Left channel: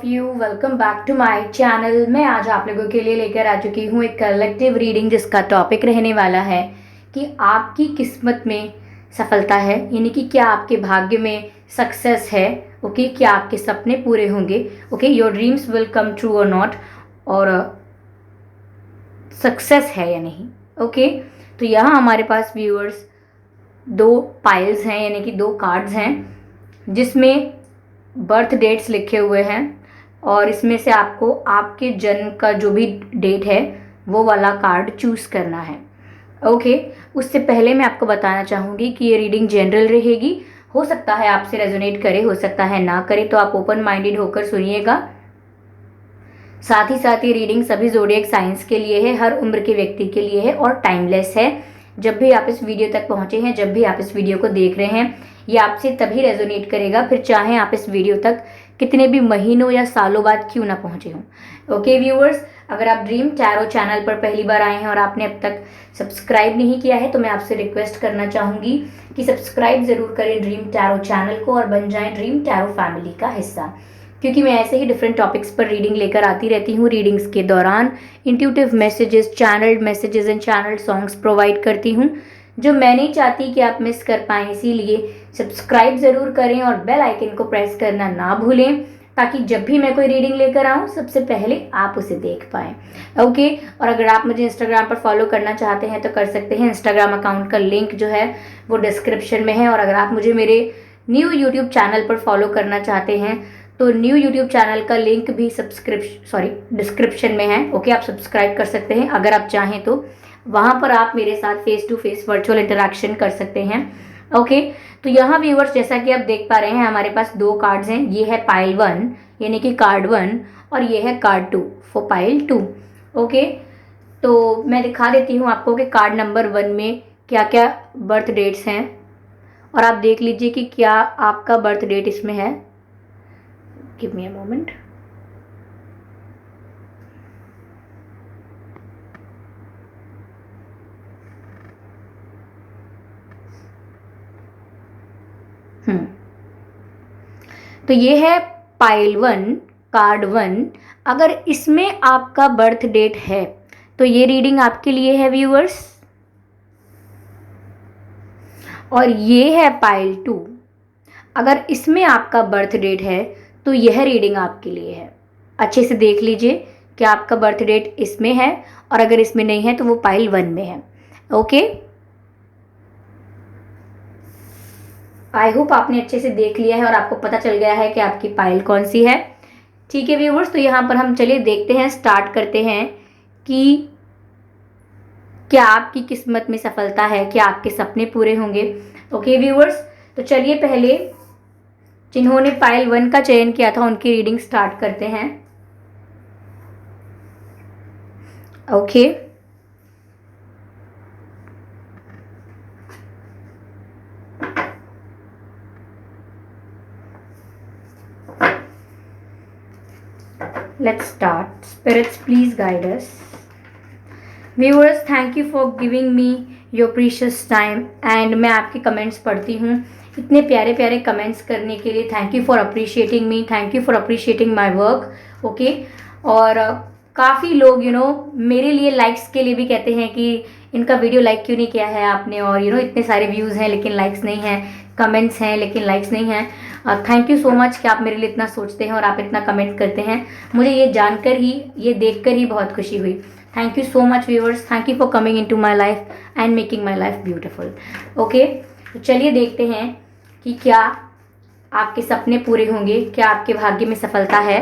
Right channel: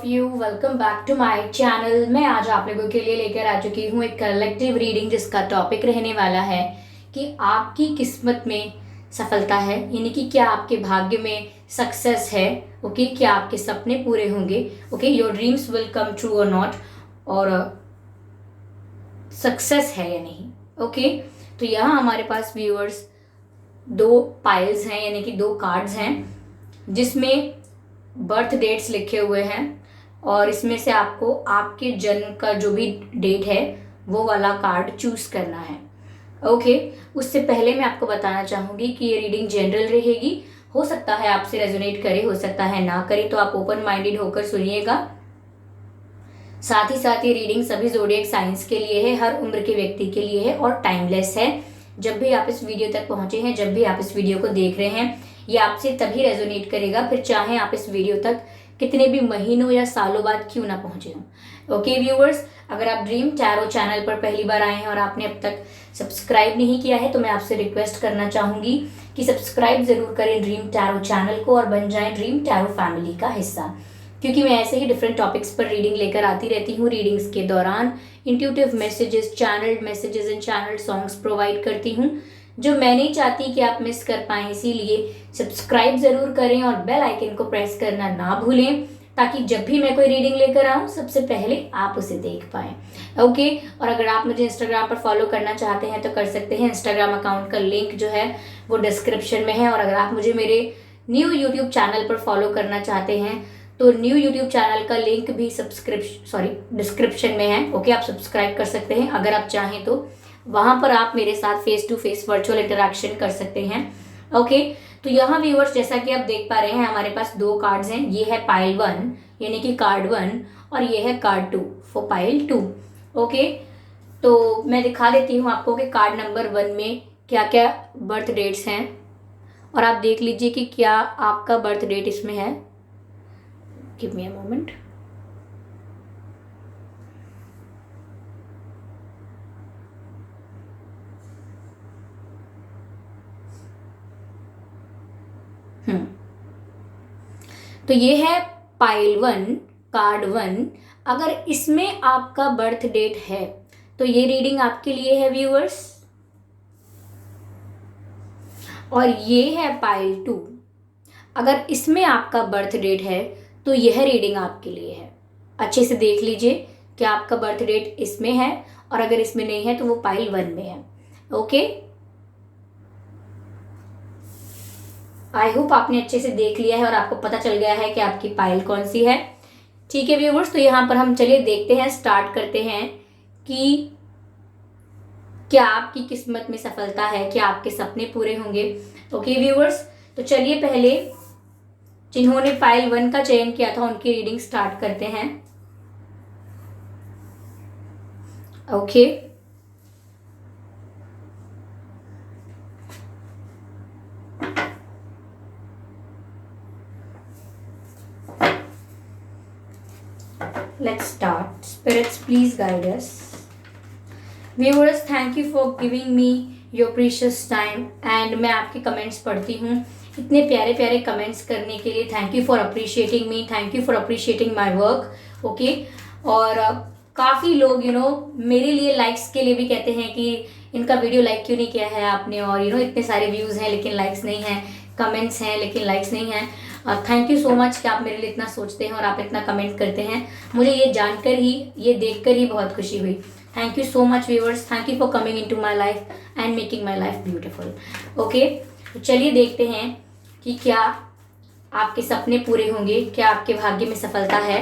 Of you, welcome back to my channel. मैं आज आप लोगों के लिए लेकर आ चुकी हूँ एक कलेक्टिव रीडिंग जिसका टॉपिक रहने वाला है कि आपकी किस्मत में सफलता है, यानी कि क्या आपके भाग्य में सक्सेस है। ओके, क्या आपके सपने पूरे होंगे। Okay, your dreams will come true और नॉट, और सक्सेस है या नहीं। ओके, तो यहाँ हमारे पास व्यूअर्स दो पाइल्स हैं, यानी कि दो कार्ड्स हैं जिसमें बर्थ डेट्स लिखे हुए हैं, और इसमें से आपको आपके जन्म का जो भी डेट है वो वाला कार्ड चूज करना है। ओके, उससे पहले मैं आपको बताना चाहूँगी कि ये रीडिंग जनरल रहेगी। हो सकता है आपसे रेजोनेट करे, हो सकता है ना करे, तो आप ओपन माइंडेड होकर सुनिएगा। साथ ही साथ ये रीडिंग सभी ज़ोडिएक साइंस के लिए है, हर उम्र के व्यक्ति के लिए है और टाइमलेस है। जब भी आप इस वीडियो तक पहुंचे हैं, जब भी आप इस वीडियो को देख रहे हैं, ये आपसे तभी रेजोनेट करेगा, फिर चाहे आप इस वीडियो तक कितने भी महीनों या सालों बाद क्यों ना पहुंचे हों। ओके व्यूअर्स, अगर आप ड्रीम टैरो चैनल पर पहली बार आए हैं और आपने अब तक सब्सक्राइब नहीं किया है तो मैं आपसे रिक्वेस्ट करना चाहूंगी कि सब्सक्राइब जरूर करें ड्रीम टैरो चैनल को और बन जाएं ड्रीम टैरो फैमिली का हिस्सा, क्योंकि मैं ऐसे ही डिफरेंट टॉपिक्स पर रीडिंग लेकर आती रहती हूँ। रीडिंग्स के दौरान intuitive messages, channelled messages and channel songs provide करती हूँ जो मैं नहीं चाहती कि आप मिस कर पाएं। इसीलिए सब्सक्राइब ज़रूर करें और बेल आइकन को प्रेस करना ना भूलें, ताकि जब भी मैं कोई रीडिंग लेकर आऊँ सबसे पहले आप उसे देख पाएं। ओके, और अगर आप मुझे इंस्टाग्राम पर फॉलो करना चाहते हैं तो कर सकते हैं। इंस्टाग्राम अकाउंट का लिंक जो है वो डिस्क्रिप्शन में है, और अगर आप मुझे मेरे न्यू यूट्यूब चैनल पर फॉलो करना चाहते हैं तो न्यू यूट्यूब चैनल का लिंक भी डिस्क्रिप्शन में है। ओके, आप सब्सक्राइब कर सकते हैं। अगर आप चाहें तो वहां पर आप मेरे साथ face to face virtual interaction कर सकते हैं। ओके, तो यहाँ व्यूअर्स जैसा कि आप देख पा रहे हैं हमारे पास दो कार्ड्स हैं। ये है पाइल 1 यानी कि कार्ड 1, और ये है कार्ड 2 फॉर पाइल 2। ओके, तो मैं दिखा देती हूँ आपको कि कार्ड नंबर 1 में क्या क्या बर्थ डेट्स हैं, और आप देख लीजिए कि क्या आपका बर्थ डेट इसमें है। Give me a moment. तो ये है पाइल 1 कार्ड 1। अगर इसमें आपका बर्थ डेट है तो ये रीडिंग आपके लिए है व्यूअर्स। और ये है पाइल 2, अगर इसमें आपका बर्थ डेट है तो यह रीडिंग आपके लिए है। अच्छे से देख लीजिए कि आपका बर्थ डेट इसमें है, और अगर इसमें नहीं है तो वो पाइल 1 में है। ओके, आई होप आपने अच्छे से देख लिया है और आपको पता चल गया है कि आपकी पाइल कौन सी है। ठीक है व्यूवर्स, तो यहाँ पर हम चलिए देखते हैं, स्टार्ट करते हैं कि क्या आपकी किस्मत में सफलता है, क्या आपके सपने पूरे होंगे। ओके व्यूवर्स, तो चलिए पहले जिन्होंने पाइल 1 का चयन किया था उनकी रीडिंग स्टार्ट करते हैं। Okay, let's start. Spirits, please guide us. Viewers, thank you for giving me your precious time. And मैं आपके कमेंट्स पढ़ती हूँ, इतने प्यारे प्यारे कमेंट्स करने के लिए thank you for appreciating me, thank you for appreciating my work. Okay, और काफ़ी लोग मेरे लिए लाइक्स के लिए भी कहते हैं कि इनका वीडियो लाइक क्यों नहीं किया है आपने, और इतने सारे व्यूज़ हैं लेकिन लाइक्स नहीं हैं, कमेंट्स हैं लेकिन लाइक्स नहीं हैं। थैंक यू सो मच कि आप मेरे लिए इतना सोचते हैं और आप इतना कमेंट करते हैं। मुझे ये जानकर ही, ये देखकर ही बहुत खुशी हुई। Thank you so much viewers, thank you for coming into my life and making my life beautiful. Okay, तो चलिए देखते हैं कि क्या आपके सपने पूरे होंगे, क्या आपके भाग्य में सफलता है।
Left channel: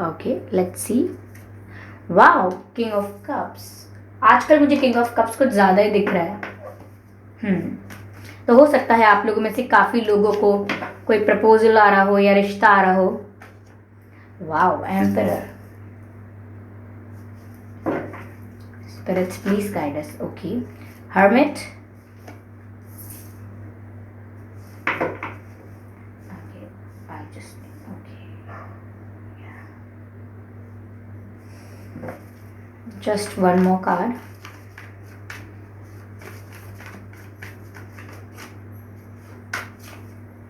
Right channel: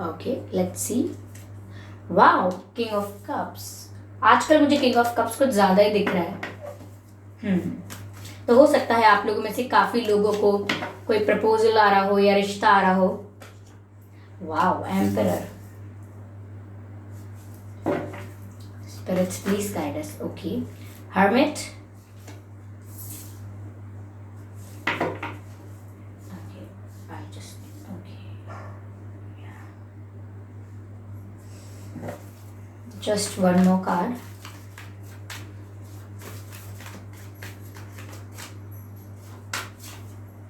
Okay, let's C. Wow, king of cups. आजकल मुझे किंग ऑफ कप्स कुछ ज़्यादा ही दिख रहा है। तो हो सकता है आप लोगों में से काफ़ी लोगों को कोई प्रपोजल आ रहा हो या रिश्ता आ रहा हो। Wow, emperor. Spirits please guide us. Okay, hermit. Okay, I just okay, just one more card.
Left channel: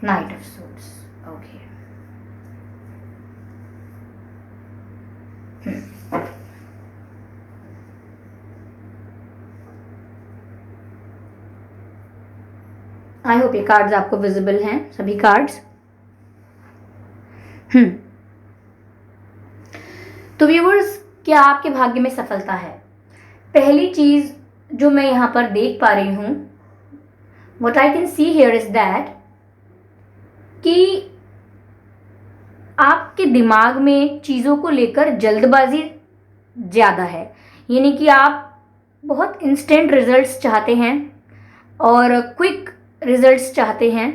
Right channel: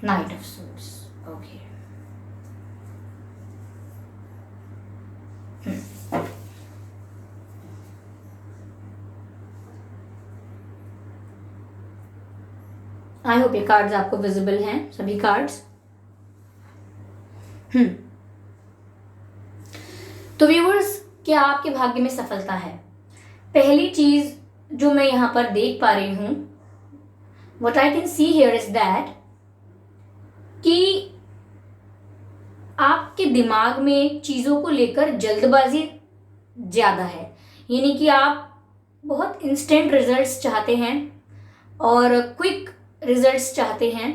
Knight of Swords. Okay. I hope ये कार्ड्स आपको विजिबल हैं, सभी कार्ड्स। तो व्यूअर्स, क्या आपके भाग्य में सफलता है? पहली चीज जो मैं यहाँ पर देख पा रही हूँ, what I can see here is that, कि आपके दिमाग में चीज़ों को लेकर जल्दबाजी ज़्यादा है। यानी कि आप बहुत इंस्टेंट रिजल्ट्स चाहते हैं और क्विक रिजल्ट्स चाहते हैं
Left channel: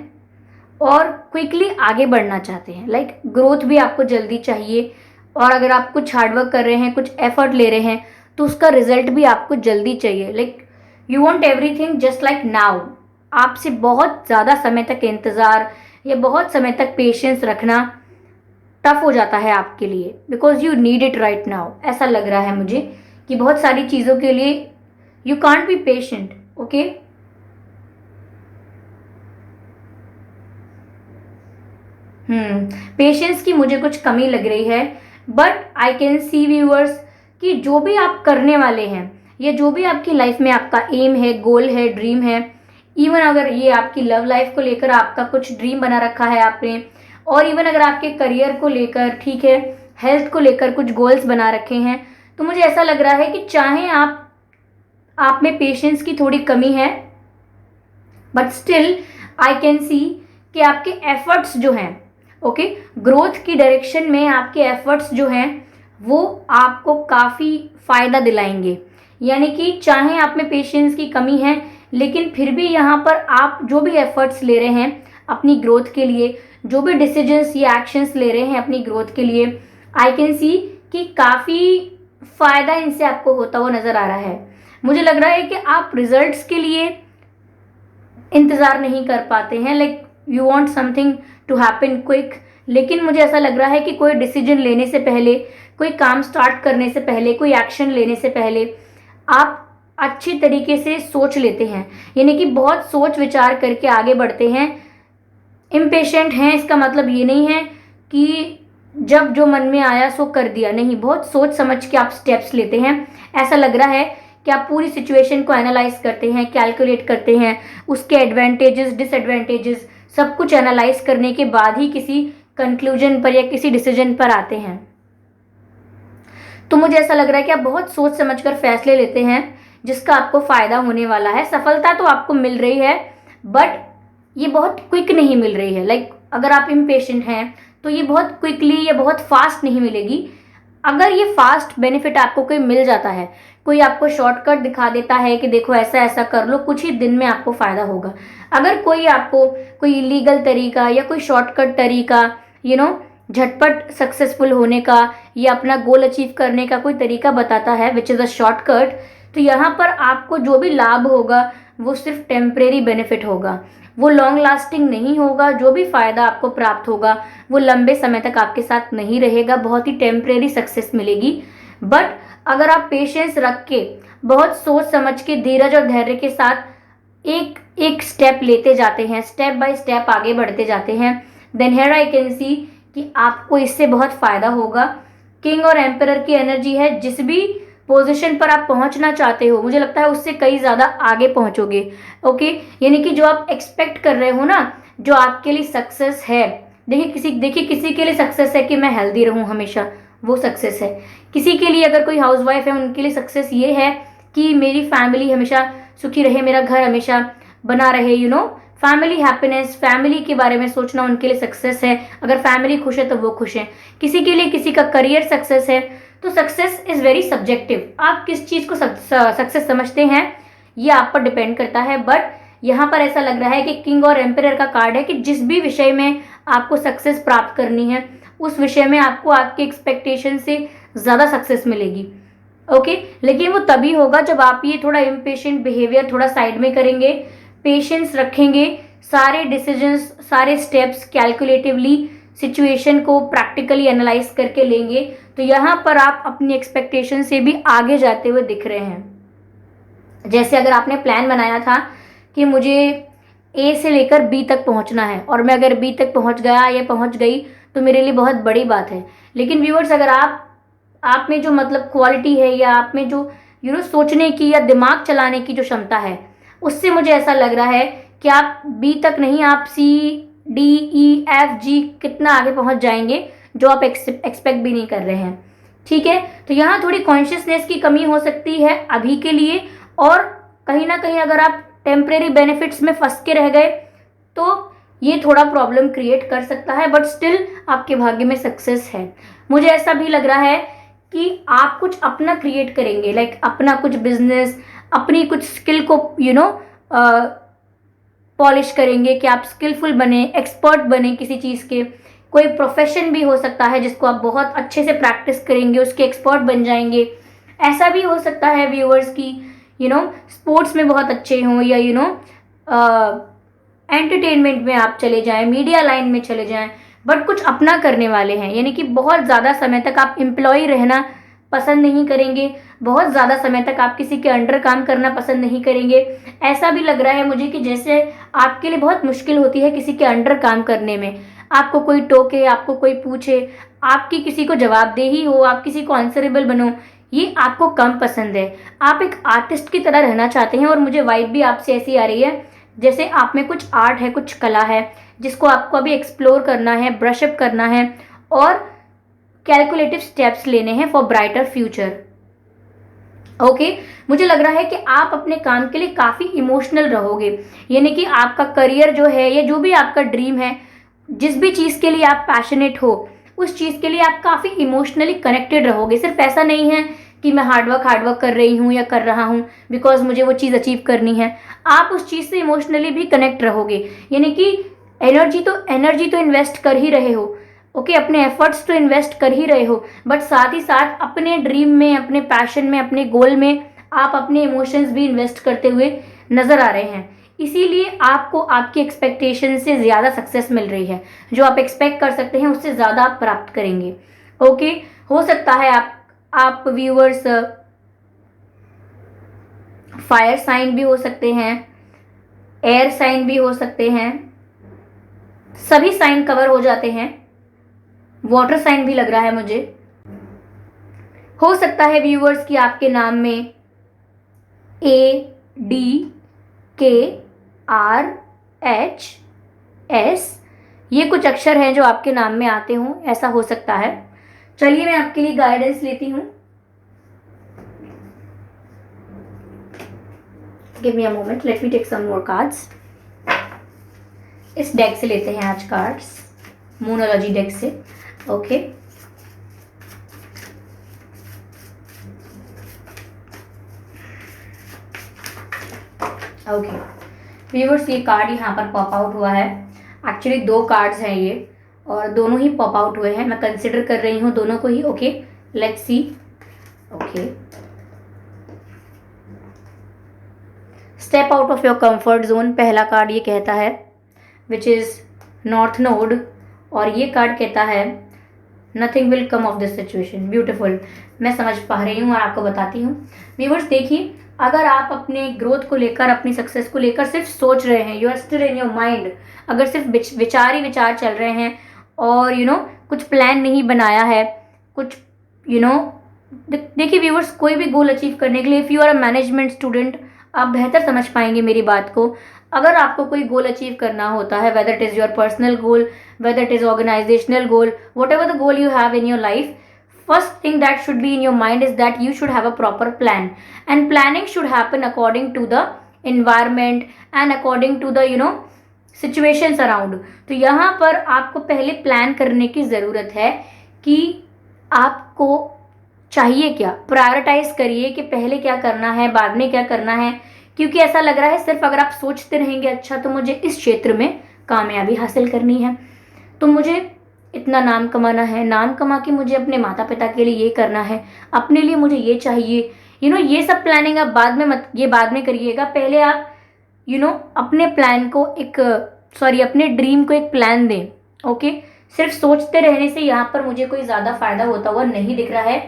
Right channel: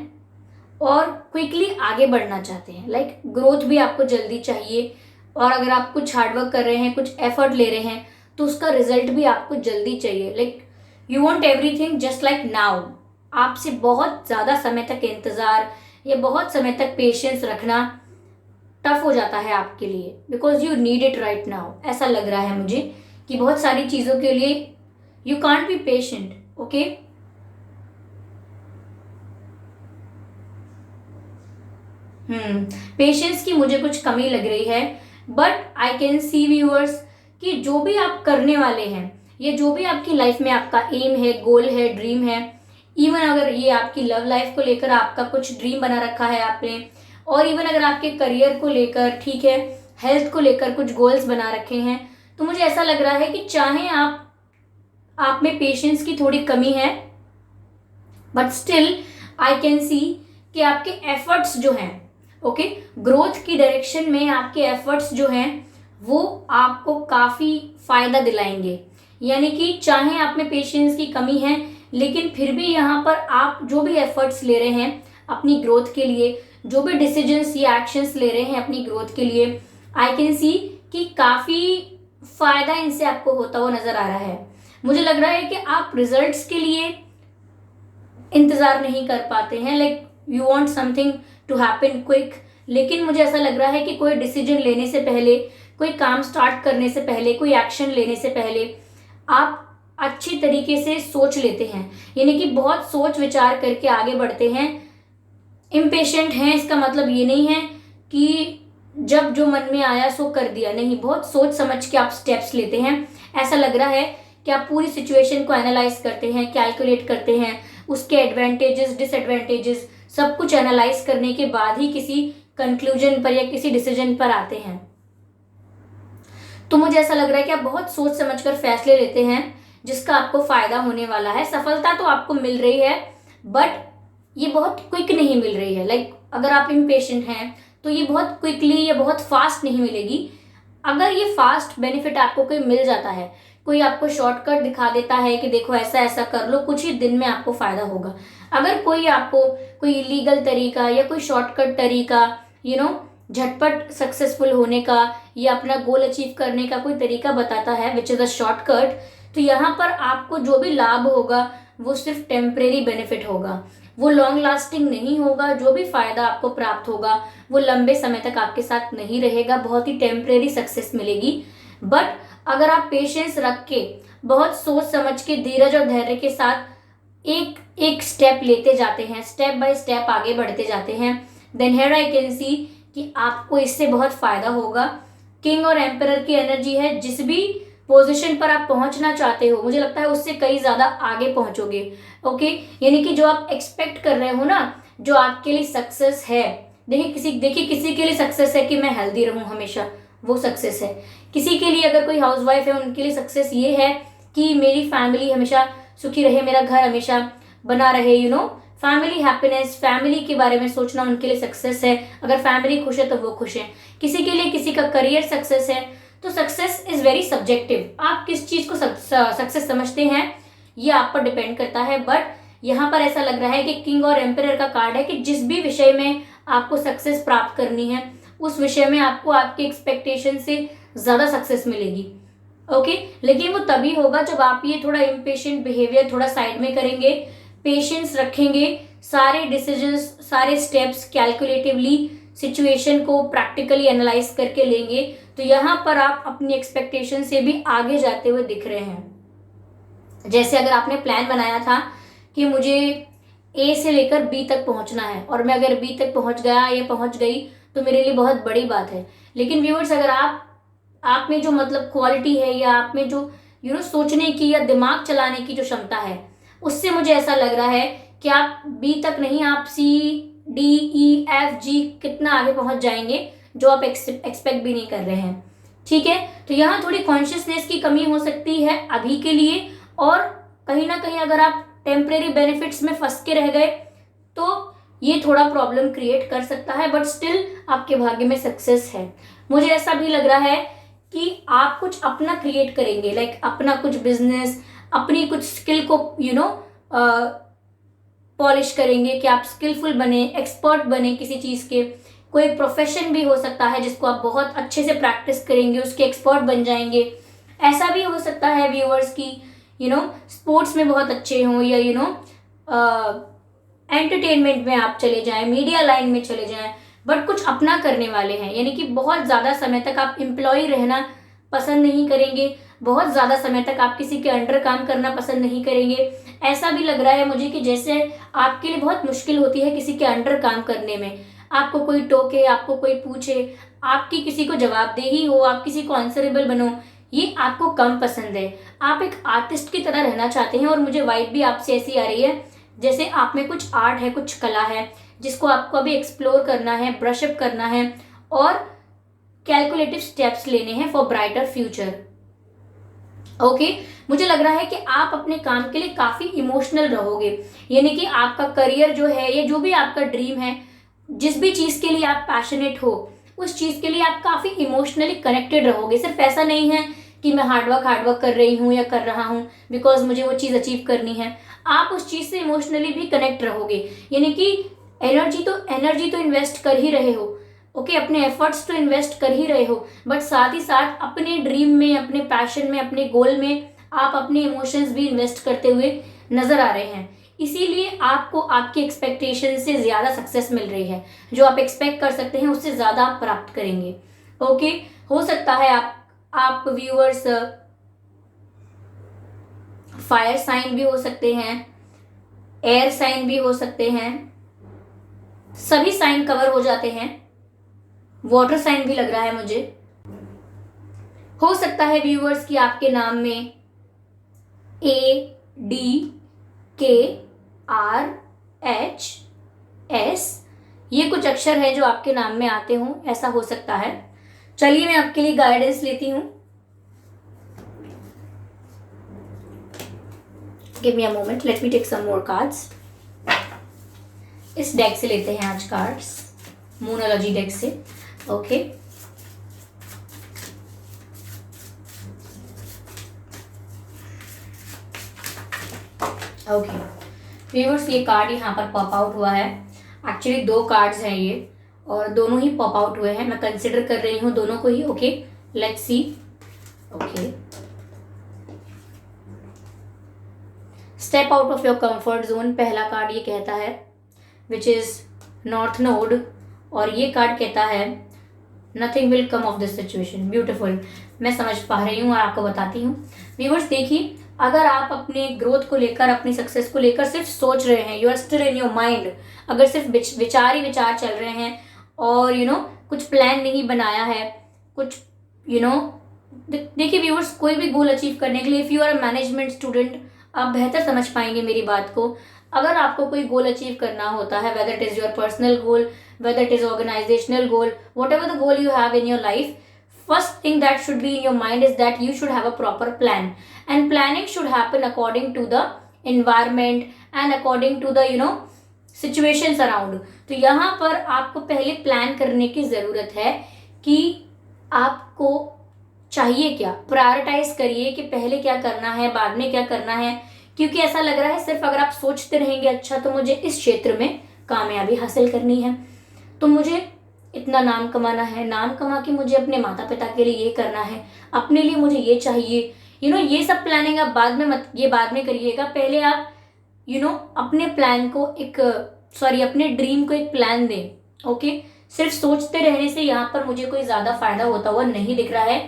और क्विकली आगे बढ़ना चाहते हैं। लाइक ग्रोथ भी आपको जल्दी चाहिए, और अगर आप कुछ हार्डवर्क कर रहे हैं, कुछ एफर्ट ले रहे हैं, तो उसका रिजल्ट भी आपको जल्दी चाहिए। Like you want everything just like now. आपसे बहुत ज़्यादा समय तक इंतज़ार या बहुत समय तक पेशेंस रखना टफ हो जाता है आपके लिए, because you need it right now. ऐसा लग रहा है मुझे कि बहुत सारी चीज़ों के लिए you can't be patient. Okay, patience की मुझे कुछ कमी लग रही है। But I can C viewers कि जो भी आप करने वाले हैं या जो भी आपकी लाइफ में आपका एम है, गोल है, ड्रीम है, इवन अगर ये आपकी लव लाइफ को लेकर आपका कुछ ड्रीम बना रखा है आपने, और इवन अगर आपके करियर को लेकर, ठीक है, हेल्थ को लेकर कुछ गोल्स बना रखे हैं, तो मुझे ऐसा लग रहा है कि चाहे आप में पेशेंस की थोड़ी कमी है, but still I can see कि आपके एफर्ट्स जो हैं, ओके, ग्रोथ की डायरेक्शन में आपके एफर्ट्स जो हैं वो आपको काफ़ी फ़ायदा दिलाएंगे। यानी कि चाहे आप में पेशेंस की कमी है, लेकिन फिर भी यहाँ पर आप जो भी एफर्ट्स ले रहे हैं अपनी ग्रोथ के लिए, जो भी डिसीजंस या एक्शंस ले रहे हैं अपनी ग्रोथ के लिए, आई कैन सी कि काफ़ी फ़ायदा इनसे आपको होता हुआ नज़र आ रहा है। मुझे लग रहा है कि आप रिजल्ट्स के लिए इंतज़ार नहीं कर पाते हैं, like you want something to happen quick. लेकिन मुझे ऐसा लग रहा है कि कोई डिसीजन लेने से पहले, कोई काम स्टार्ट करने से पहले, कोई एक्शन लेने से पहले आप अच्छी तरीके से सोच लेते हैं, यानी कि बहुत सोच विचार करके आगे बढ़ते हैं। इम्पेशेंट हैं इसका मतलब ये नहीं है कि जब जो मन में आया सो कर दिया, नहीं, बहुत सोच समझ के आप स्टेप्स लेते हैं। ऐसा लग रहा है कि आप पूरी सिचुएशन को एनालाइज करते हैं, कैलकुलेट करते हैं, उसके एडवांटेजेस, डिसएडवांटेजेस सब कुछ एनालाइज करने के बाद ही किसी कंक्लूजन पर या किसी डिसीजन पर आते हैं। तो मुझे ऐसा लग रहा है कि आप बहुत सोच समझकर फैसले लेते हैं जिसका आपको फायदा होने वाला है। सफलता तो आपको मिल रही है, बट ये बहुत क्विक नहीं मिल रही है। लाइक अगर आप इम्पेशेंट हैं तो ये बहुत क्विकली या बहुत फास्ट नहीं मिलेगी। अगर ये फास्ट बेनिफिट आपको कोई मिल जाता है, कोई आपको शॉर्टकट दिखा देता है कि देखो ऐसा ऐसा कर लो, कुछ ही दिन में आपको फायदा होगा। अगर कोई आपको कोई इलीगल तरीका या कोई शॉर्टकट तरीका, झटपट सक्सेसफुल होने का या अपना गोल अचीव करने का कोई तरीका बताता है, विच इज़ अ शॉर्टकट, तो यहाँ पर आपको जो भी लाभ होगा वो सिर्फ टेम्परेरी बेनिफिट होगा, वो लॉन्ग लास्टिंग नहीं होगा। जो भी फायदा आपको प्राप्त होगा वो लंबे समय तक आपके साथ नहीं रहेगा, बहुत ही टेम्परेरी सक्सेस मिलेगी। बट अगर आप पेशेंस रख के, बहुत सोच समझ के, धीरज और धैर्य के साथ एक एक स्टेप लेते जाते हैं, स्टेप बाय स्टेप आगे बढ़ते जाते हैं, then here I can see कि आपको इससे बहुत फायदा होगा। किंग और एम्परर की एनर्जी है, जिस भी पोजीशन पर आप पहुंचना चाहते हो, मुझे लगता है उससे कई ज्यादा आगे पहुंचोगे। ओके, यानी कि जो आप एक्सपेक्ट कर रहे हो ना, जो आपके लिए सक्सेस है, देखिए किसी के लिए सक्सेस है कि मैं हेल्दी रहूं हमेशा, वो सक्सेस है। किसी के लिए, अगर कोई हाउसवाइफ है, उनके लिए सक्सेस ये है कि मेरी फैमिली हमेशा सुखी रहे, मेरा घर हमेशा बना रहे, फैमिली हैप्पीनेस, फैमिली के बारे में सोचना उनके लिए सक्सेस है। अगर फैमिली खुश है तो वो खुश है। किसी के लिए किसी का करियर सक्सेस है। तो सक्सेस इज वेरी सब्जेक्टिव, आप किस चीज को सक्सेस समझते हैं ये आप पर डिपेंड करता है। बट यहाँ पर ऐसा लग रहा है कि किंग और एम्परर का कार्ड है कि जिस भी विषय में आपको सक्सेस प्राप्त करनी है, उस विषय में आपको आपके एक्सपेक्टेशन से ज्यादा सक्सेस मिलेगी। ओके, लेकिन वो तभी होगा जब आप ये थोड़ा इम्पेशेंट बिहेवियर थोड़ा साइड में करेंगे, पेशेंस रखेंगे, सारे डिसीजंस, सारे स्टेप्स कैलकुलेटिवली सिचुएशन को प्रैक्टिकली एनालाइज करके लेंगे, तो यहाँ पर आप अपनी एक्सपेक्टेशन से भी आगे जाते हुए दिख रहे हैं। जैसे अगर आपने प्लान बनाया था कि मुझे ए से लेकर बी तक पहुंचना है, और मैं अगर बी तक पहुंच गया या पहुंच गई तो मेरे लिए बहुत बड़ी बात है। लेकिन व्यूअर्स, अगर आप में जो क्वालिटी है, या आप में जो सोचने की या दिमाग चलाने की जो क्षमता है, उससे मुझे ऐसा लग रहा है कि आप बी तक नहीं, आप C D E F G कितना आगे पहुंच जाएंगे जो आप एक्सपेक्ट भी नहीं कर रहे हैं। ठीक है, तो यहाँ थोड़ी कॉन्शियसनेस की कमी हो सकती है अभी के लिए, और कहीं ना कहीं अगर आप टेम्परेरी बेनिफिट्स में फंस के रह गए तो ये थोड़ा प्रॉब्लम क्रिएट कर सकता है, बट स्टिल आपके भाग्य में सक्सेस है। मुझे ऐसा भी लग रहा है कि आप कुछ अपना क्रिएट करेंगे, लाइक अपना कुछ बिजनेस, अपनी कुछ स्किल को पॉलिश करेंगे कि आप स्किलफुल बने, एक्सपर्ट बने किसी चीज के। कोई प्रोफेशन भी हो सकता है जिसको आप बहुत अच्छे से प्रैक्टिस करेंगे, उसके एक्सपर्ट बन जाएंगे। ऐसा भी हो सकता है व्यूअर्स की स्पोर्ट्स में बहुत अच्छे हों, या एंटरटेनमेंट में आप चले जाएं, मीडिया लाइन में चले जाएं, बट कुछ अपना करने वाले हैं, यानी कि बहुत ज़्यादा समय तक आप एम्प्लॉय रहना पसंद नहीं करेंगे, बहुत ज़्यादा समय तक आप किसी के अंडर काम करना पसंद नहीं करेंगे। ऐसा भी लग रहा है मुझे कि जैसे आपके लिए बहुत मुश्किल होती है किसी के अंडर काम करने में, आपको कोई टोके, आपको कोई पूछे, आपकी किसी को जवाबदेही हो, आप किसी को आंसरेबल बनो, ये आपको कम पसंद है। आप एक आर्टिस्ट की तरह रहना चाहते हैं, और मुझे वाइब भी आपसे ऐसी आ रही है जैसे आप में कुछ आर्ट है, कुछ कला है जिसको आपको अभी एक्सप्लोर करना है, ब्रशअप करना है, और कैलकुलेटिव स्टेप्स लेने हैं फॉर ब्राइटर फ्यूचर। ओके, मुझे लग रहा है कि आप अपने काम के लिए काफी इमोशनल रहोगे, यानी कि आपका करियर जो है, या जो भी आपका ड्रीम है, जिस भी चीज के लिए आप पैशनेट हो, उस चीज के लिए आप काफी इमोशनली कनेक्टेड रहोगे। सिर्फ ऐसा नहीं है कि मैं हार्डवर्क कर रही हूँ या कर रहा हूँ बिकॉज मुझे वो चीज अचीव करनी है, आप उस चीज से इमोशनली भी कनेक्ट रहोगे, यानी कि एनर्जी तो इन्वेस्ट कर ही रहे हो। ओके, अपने एफर्ट्स तो इन्वेस्ट कर ही रहे हो, बट साथ ही साथ अपने ड्रीम में, अपने पैशन में, अपने गोल में आप अपने इमोशंस भी इन्वेस्ट करते हुए नजर आ रहे हैं। इसीलिए आपको आपकी एक्सपेक्टेशन से ज्यादा सक्सेस मिल रही है, जो आप एक्सपेक्ट कर सकते हैं उससे ज्यादा आप प्राप्त करेंगे। ओके, हो सकता है आप व्यूअर्स फायर साइन भी हो सकते हैं, एयर साइन भी हो सकते हैं, सभी साइन कवर हो जाते हैं, वाटर साइन भी लग रहा है मुझे। हो सकता है व्यूअर्स कि आपके नाम में ADKRHS ये कुछ अक्षर हैं जो आपके नाम में आते हों, ऐसा हो सकता है। चलिए मैं आपके लिए गाइडेंस लेती हूं। Give me a moment, let me take some more cards. इस डेक से लेते हैं आज कार्ड्स, मोनोलॉजी डेक से। ओके, ओके व्यूअर्स, ये कार्ड यहाँ पर पॉप आउट हुआ है। एक्चुअली 2 कार्ड्स हैं ये, और दोनों ही पॉप आउट हुए हैं। मैं कंसिडर कर रही हूँ दोनों को ही। Okay, let's see. Okay, step out of your comfort zone, पहला कार्ड ये कहता है, विच इज नॉर्थ नोड, और ये कार्ड कहता है nothing will come of this situation. Beautiful, मैं समझ पा रही हूँ और आपको बताती हूँ। व्यूअर्स देखिए, अगर आप अपने ग्रोथ को लेकर, अपनी सक्सेस को लेकर सिर्फ सोच रहे हैं, you are still in your mind, अगर सिर्फ विचार ही विचार चल रहे हैं, और कुछ प्लान नहीं बनाया है, कुछ देखिए व्यूअर्स, कोई भी गोल अचीव करने के लिए, if you are a management student, आप बेहतर समझ पाएंगे मेरी बात को। अगर आपको कोई गोल अचीव करना होता है, whether it is your personal goal, whether it is organizational goal, whatever the goal you have in your life, first thing that should be in your mind is that you should have a proper plan, and planning should happen according to the environment and according to the situations around। तो यहाँ पर आपको पहले plan करने की ज़रूरत है कि आपको चाहिए क्या, प्रायोरिटाइज करिए कि पहले क्या करना है, बाद में क्या करना है, क्योंकि ऐसा लग रहा है सिर्फ अगर आप सोचते रहेंगे अच्छा तो मुझे इस क्षेत्र में कामयाबी हासिल करनी है, तो मुझे इतना नाम कमाना है, नाम कमा के मुझे अपने माता पिता के लिए ये करना है, अपने लिए मुझे ये चाहिए, ये सब प्लानिंग आप बाद में ये बाद में करिएगा। पहले आप अपने प्लान को अपने ड्रीम को एक प्लान दें। ओके, सिर्फ सोचते रहने से यहाँ पर मुझे कोई ज़्यादा फायदा होता हुआ नहीं दिख रहा है।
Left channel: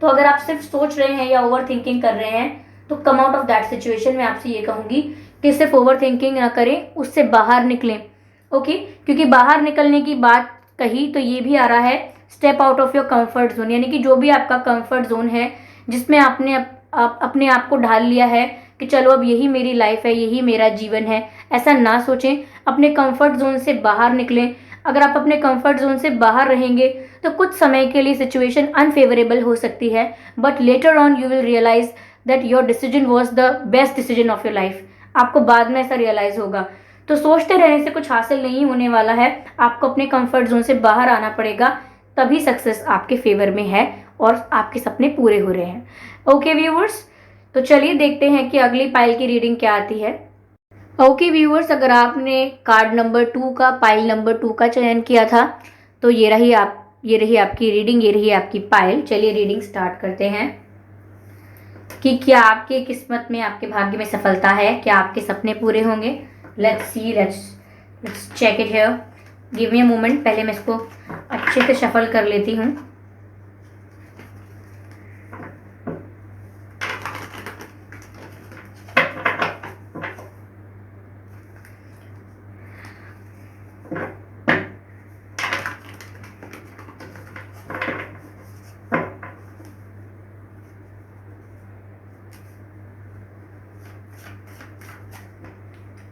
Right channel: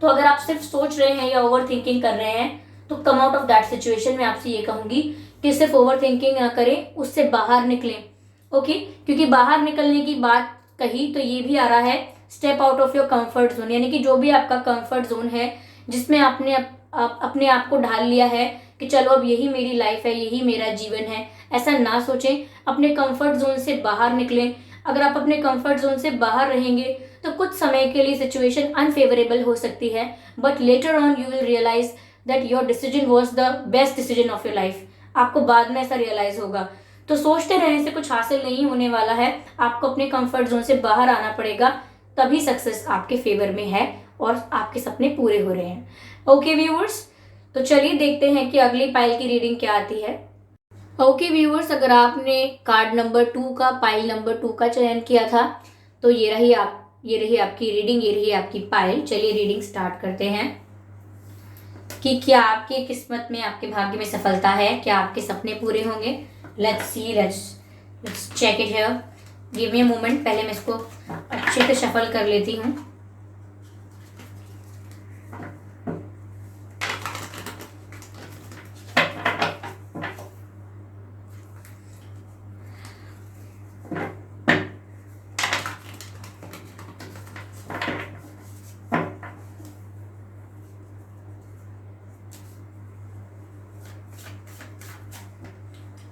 तो अगर आप सिर्फ सोच रहे हैं या ओवर थिंकिंग कर रहे हैं तो come out of that situation. मैं आपसे ये कहूँगी कि सिर्फ ओवर थिंकिंग ना करें, उससे बाहर निकलें। ओके, क्योंकि बाहर निकलने की बात कही तो ये भी आ रहा है step out of your comfort zone, यानी कि जो भी आपका कंफर्ट जोन है जिसमें आपने अपने आप को ढाल लिया है कि चलो अब यही मेरी लाइफ है, यही मेरा जीवन है। ऐसा ना सोचें, अपने कंफर्ट जोन से बाहर निकलें। अगर आप अपने कंफर्ट जोन से बाहर रहेंगे तो कुछ समय के लिए सिचुएशन अनफेवरेबल हो सकती है, but later on you will realise that your decision was the best decision of your life. आपको बाद में ऐसा रियलाइज होगा। तो सोचते रहने से कुछ हासिल नहीं होने वाला है, आपको अपने कंफर्ट जोन से बाहर आना पड़ेगा, तभी सक्सेस आपके फेवर में है और आपके सपने पूरे हो रहे हैं। ओके व्यूअर्स, तो चलिए देखते हैं कि अगली पाइल की रीडिंग क्या आती है। ओके व्यूअर्स, अगर आपने कार्ड नंबर 2 का, पाइल नंबर 2 का चयन किया था तो ये रही आपकी रीडिंग, ये रही आपकी पाइल। चलिए रीडिंग स्टार्ट करते हैं कि क्या आपके किस्मत में, आपके भाग्य में सफलता है, क्या आपके सपने पूरे होंगे। Let's see, let's check it here. Give me a moment, पहले मैं इसको अच्छे से शफल कर लेती हूँ।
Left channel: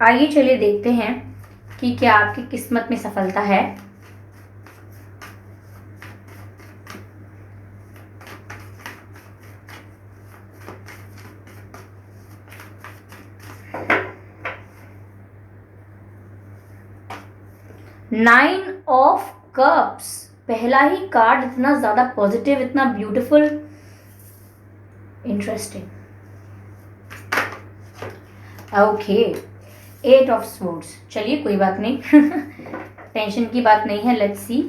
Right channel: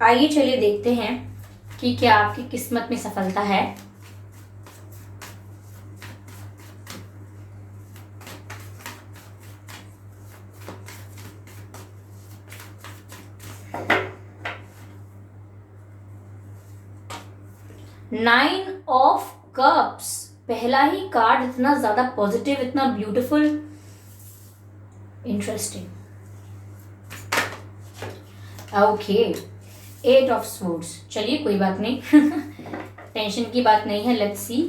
आइए चलिए देखते हैं कि क्या आपकी किस्मत में सफलता है। नाइन ऑफ कप्स, पहला ही कार्ड इतना ज्यादा पॉजिटिव, इतना beautiful, interesting. Okay, 8 of swords, चलिए कोई बात नहीं टेंशन की बात नहीं है। Let's see,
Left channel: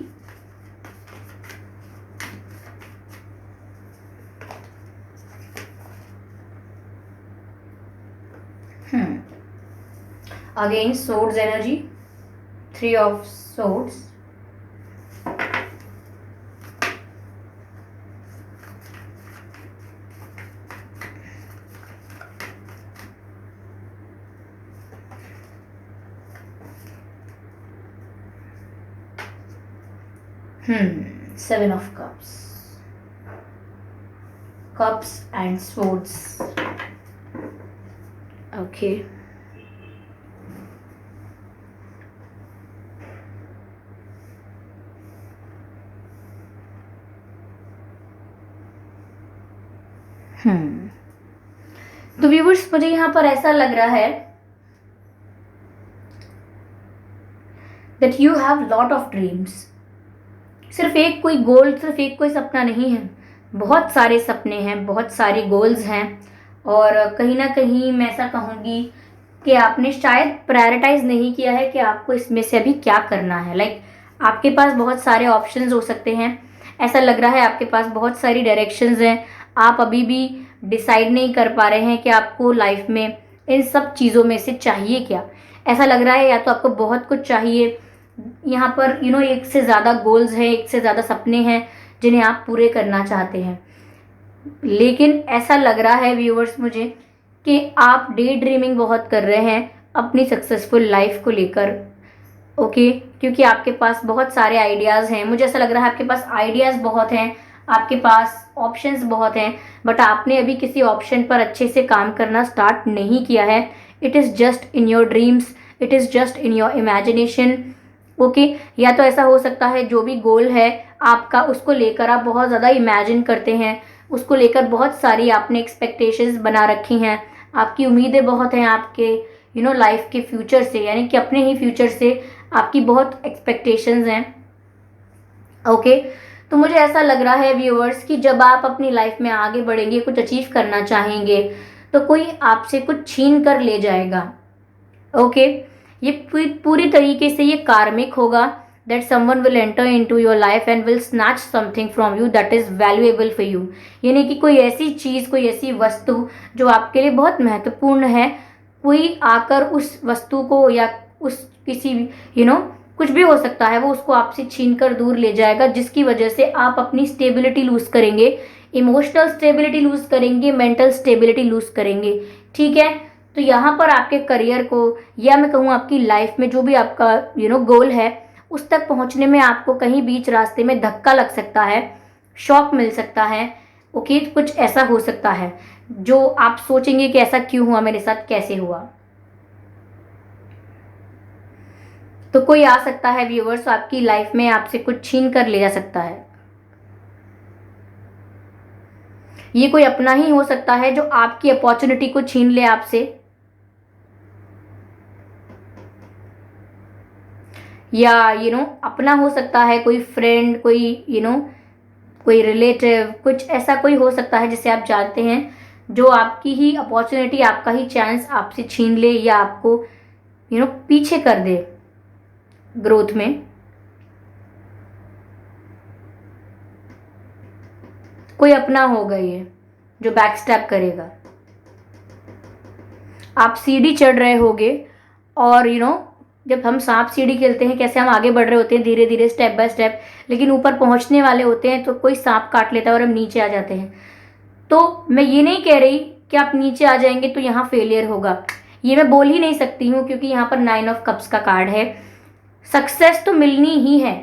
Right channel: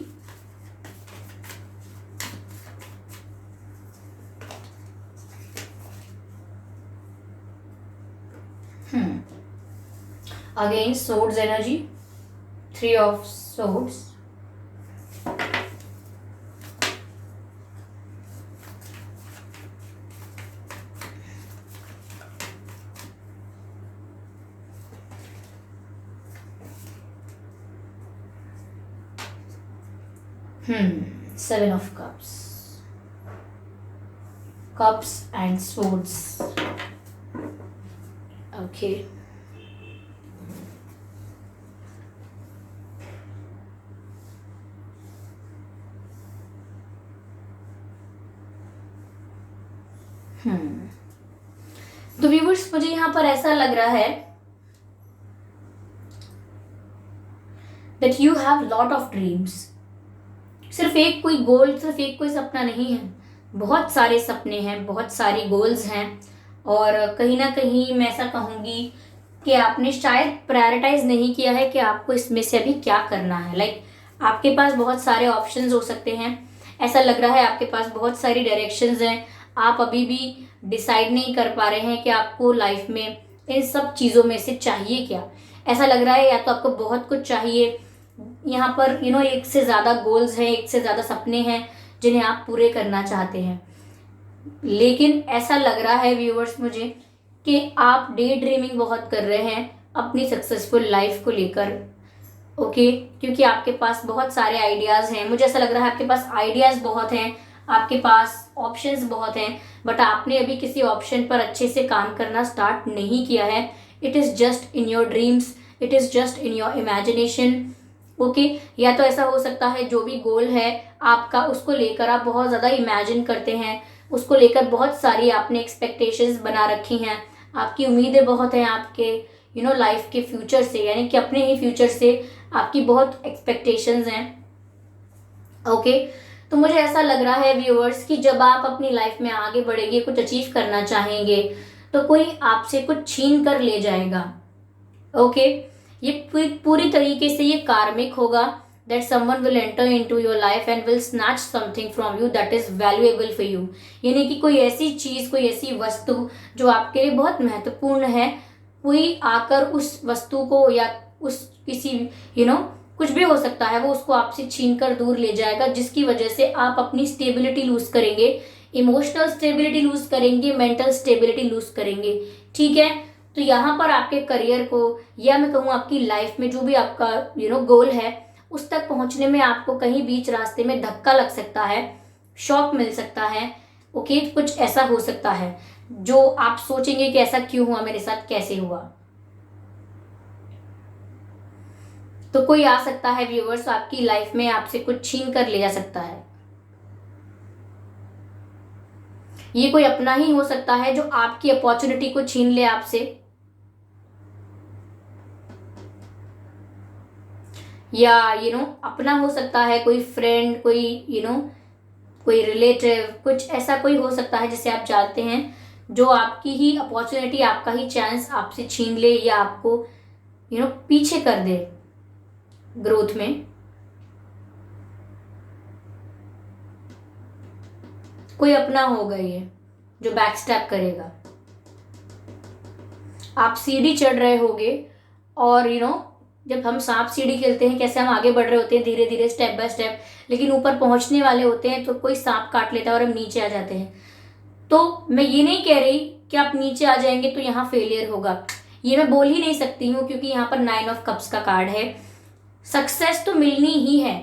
again swords energy, 3 of swords, Seven of Cups, Cups and Swords. Okay. तो व्यूअर्स, मुझे यहाँ पर ऐसा लग रहा है that you have lot of dreams. सिर्फ एक कोई गोल, सिर्फ एक कोई सपना नहीं है, बहुत सारे सपने हैं, बहुत सारी गोल्स हैं। और कहीं ना कहीं मैं ऐसा कहूँगी कि आपने शायद प्रायोरिटाइज नहीं किया है कि आपको इसमें से अभी क्या करना है। लाइक आपके पास बहुत सारे ऑप्शंस हो सकते हैं, ऐसा लग रहा है आपके पास बहुत सारी डायरेक्शंस हैं, आप अभी भी डिसाइड नहीं कर पा रहे हैं कि आपको लाइफ में इन सब चीज़ों में से चाहिए क्या। ऐसा लग रहा है या तो आपको बहुत कुछ चाहिए, यहाँ पर एक से ज़्यादा गोल्स हैं, एक से ज़्यादा सपने हैं जिन्हें आप पूरे करना चाहते हैं। लेकिन ऐसा लग रहा है व्यूअर्स मुझे कि आप डे ड्रीमिंग बहुत कर रहे हैं अपनी सक्सेसफुल लाइफ को लेकर। ओके, क्योंकि आपके पास बहुत सारे आइडियाज़ हैं, मुझे ऐसा लग रहा है आपके पास आइडियाज़ बहुत हैं, आपके पास ऑप्शंस बहुत हैं, बट आपने अभी किसी ऑप्शन पर अच्छे से काम करना स्टार्ट नहीं किया है। It is just in your dreams, it is just in your imagination. Okay, या तो ऐसा हो सकता है जो भी गोल है आपका, उसको लेकर आप बहुत ज़्यादा इमेजिन करते हैं, उसको लेकर बहुत सारी आपने एक्सपेक्टेशंस बना रखी हैं, आपकी उम्मीदें बहुत हैं आपके लाइफ के फ्यूचर से, यानी कि अपने ही फ्यूचर से आपकी बहुत एक्सपेक्टेशंस हैं। ओके, तो मुझे ऐसा लग रहा है व्यूअर्स कि जब आप अपनी लाइफ में आगे बढ़ेंगे, कुछ अचीव करना चाहेंगे, तो कोई आपसे कुछ छीन कर ले जाएगा। ओके, ये पूरी तरीके से ये कार्मिक होगा, that someone will enter into your life and will snatch something from you that is valuable for you। यानी कि कोई ऐसी चीज़, कोई ऐसी वस्तु जो आपके लिए बहुत महत्वपूर्ण है, कोई आकर उस वस्तु को या उस किसी कुछ भी हो सकता है, वो उसको आपसे छीन कर दूर ले जाएगा, जिसकी वजह से आप अपनी स्टेबिलिटी लूज करेंगे, इमोशनल स्टेबिलिटी लूज करेंगे, मेंटल स्टेबिलिटी लूज करेंगे। ठीक है, तो यहाँ पर आपके करियर को, या मैं कहूँ आपकी लाइफ में जो भी आपका गोल है, उस तक पहुँचने में आपको कहीं बीच रास्ते में धक्का लग सकता है, शॉक मिल सकता है। ओके, कुछ ऐसा हो सकता है, जो आप सोचेंगे कि ऐसा क्यों हुआ मेरे साथ, कैसे हुआ। तो कोई आ सकता है व्यूअर्स आपकी लाइफ में, आपसे कुछ छीन कर ले जा सकता है। ये कोई अपना ही हो सकता है जो आपकी अपॉर्चुनिटी को छीन ले आपसे, या अपना हो सकता है, कोई फ्रेंड, कोई कोई रिलेटिव, कुछ ऐसा कोई हो सकता है जिसे आप जानते हैं, जो आपकी ही अपॉर्चुनिटी, आपका ही चांस आपसे छीन ले या आपको पीछे कर दे ग्रोथ में। कोई अपना होगा ये जो बैक स्टेप करेगा। आप सीढ़ी चढ़ रहे होगे और जब हम सांप सीढ़ी खेलते हैं, कैसे हम आगे बढ़ रहे होते हैं धीरे धीरे, स्टेप बाय स्टेप, लेकिन ऊपर पहुंचने वाले होते हैं तो कोई सांप काट लेता है और हम नीचे आ जाते हैं। तो मैं ये नहीं कह रही कि आप नीचे आ जाएंगे तो यहाँ फेलियर होगा, ये मैं बोल ही नहीं सकती हूँ, क्योंकि यहाँ पर 9 ऑफ कप्स का कार्ड है। सक्सेस तो मिलनी ही है।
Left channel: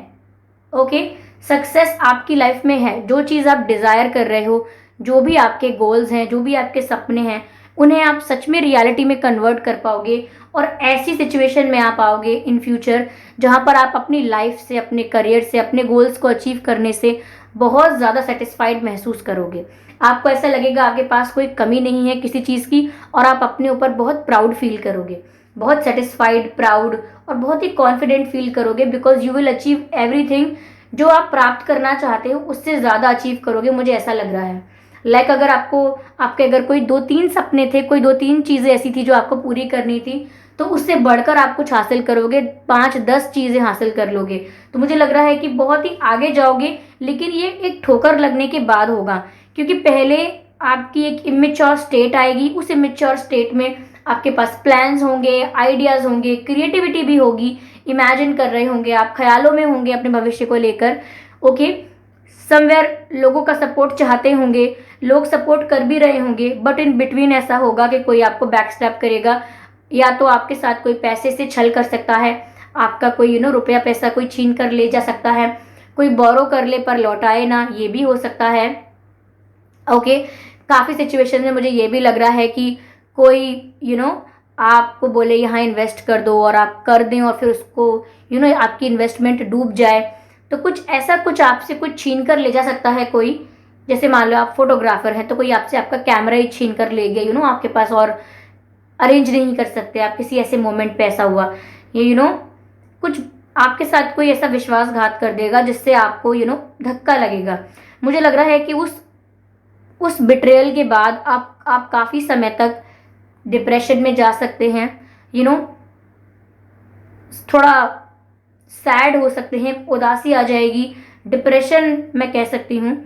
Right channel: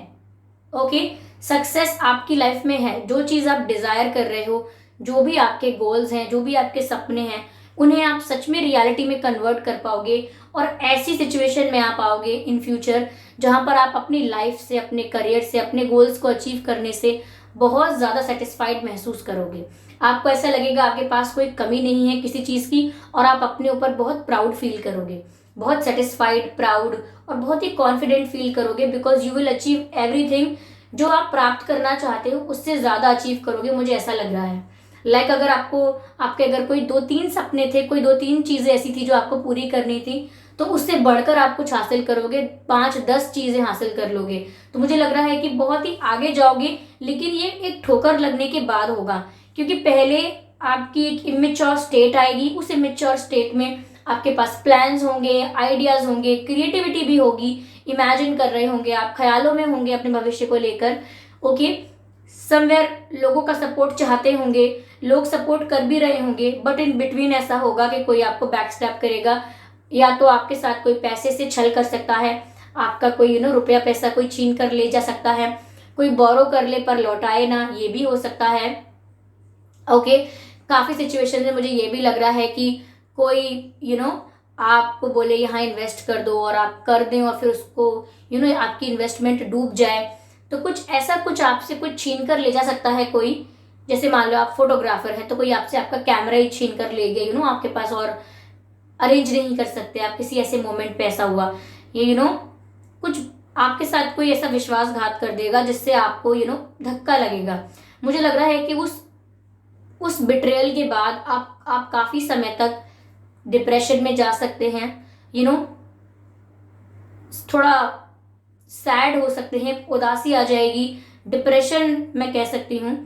ओके, सक्सेस आपकी लाइफ में है। जो चीज़ आप डिज़ायर कर रहे हो, जो भी आपके गोल्स हैं, जो भी आपके सपने हैं, उन्हें आप सच में रियलिटी में कन्वर्ट कर पाओगे और ऐसी सिचुएशन में आप आओगे इन फ्यूचर जहां पर आप अपनी लाइफ से, अपने करियर से, अपने गोल्स को अचीव करने से बहुत ज़्यादा सेटिस्फाइड महसूस करोगे। आपको ऐसा लगेगा आपके पास कोई कमी नहीं है किसी चीज़ की, और आप अपने ऊपर बहुत प्राउड फील करोगे, बहुत सेटिस्फाइड, प्राउड और बहुत ही कॉन्फिडेंट फील करोगे, because you will achieve everything. जो आप प्राप्त करना चाहते हो उससे ज़्यादा अचीव करोगे, मुझे ऐसा लग रहा है। अगर आपके अगर कोई 2-3 सपने थे, कोई 2-3 चीज़ें ऐसी थी जो आपको पूरी करनी थी, तो उससे बढ़कर आप कुछ हासिल करोगे, 5-10 चीज़ें हासिल कर लोगे। तो मुझे लग रहा है कि बहुत ही आगे जाओगे, लेकिन ये एक ठोकर लगने के बाद होगा, क्योंकि पहले आपकी एक इमेच्योर स्टेट आएगी। उस इमेच्योर स्टेट में आपके पास प्लान्स होंगे, आइडियाज होंगे, क्रिएटिविटी भी होगी, इमेजिन कर रहे होंगे आप, ख्यालों में होंगे अपने भविष्य को लेकर। ओके, समवेयर लोगों का सपोर्ट चाहते होंगे, लोग सपोर्ट कर भी रहे होंगे, बट इन बिटवीन ऐसा होगा कि कोई आपको बैक स्टैप करेगा, या तो आपके साथ कोई पैसे से छल कर सकता है, आपका कोई रुपया पैसा कोई छीन कर ले जा सकता है, कोई बोरो कर ले पर लौटाए ना, ये भी हो सकता है। ओके, काफ़ी सिचुएशन में मुझे ये भी लग रहा है कि कोई आपको बोले यहाँ इन्वेस्ट कर दो और आप कर दें, और फिर उसको आपकी इन्वेस्टमेंट डूब जाए। तो कुछ ऐसा, कुछ आपसे कुछ छीन कर ले जा सकता है कोई। जैसे मान लो आप फोटोग्राफर हैं, तो कोई आपसे आपका कैमरा ही छीन कर ले गया, आपके पास और अरेंज नहीं कर सकते आप, किसी ऐसे मोमेंट पे ऐसा हुआ, ये कुछ आपके साथ कोई ऐसा विश्वासघात कर देगा जिससे आपको धक्का लगेगा। मुझे लग रहा है कि उस बिट्रेयल के बाद आप काफ़ी समय तक डिप्रेशन में जा सकते हैं, थोड़ा सैड हो सकते हैं, उदासी आ जाएगी, डिप्रेशन मैं कह सकती हूँ।